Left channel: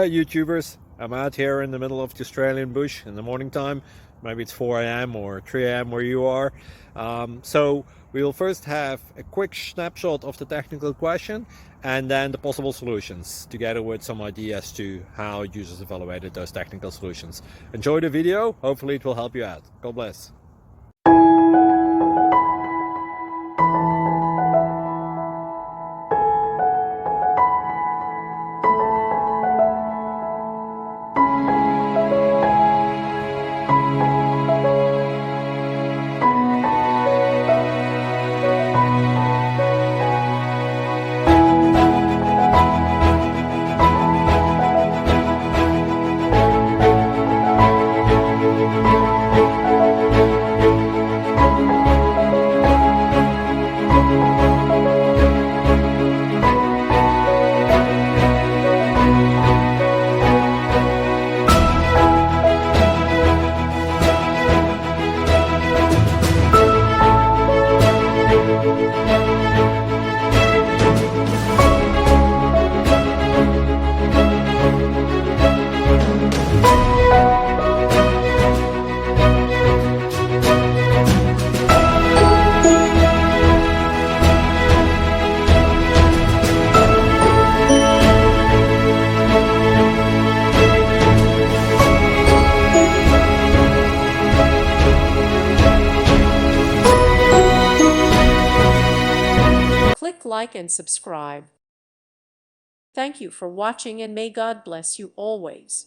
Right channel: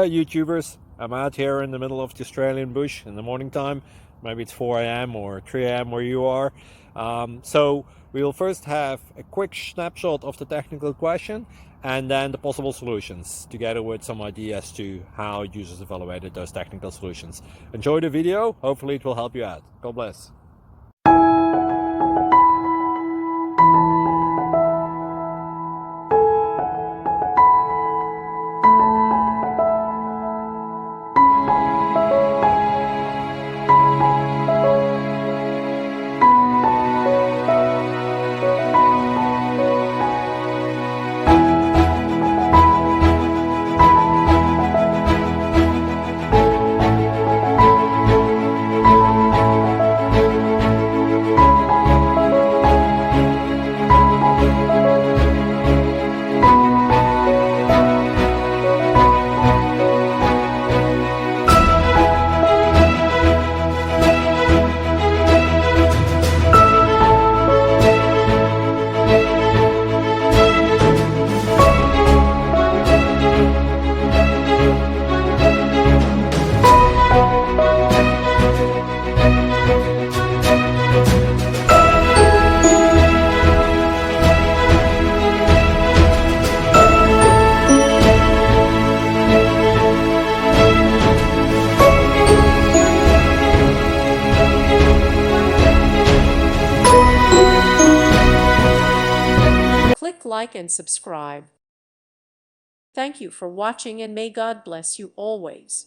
Hi YouTubers, I'm out here in the middle of the Australian bush in the morning time. Maybe it's 4 a.m. or 3 a.m. where you are. So we will first have a quick snapshot of the technical question and then the possible solutions, together with some ideas to how users evaluated those technical solutions. Enjoy the video, hopefully it will help you out. God bless. Click like and subscribe. Thank you for watching and may God bless you always.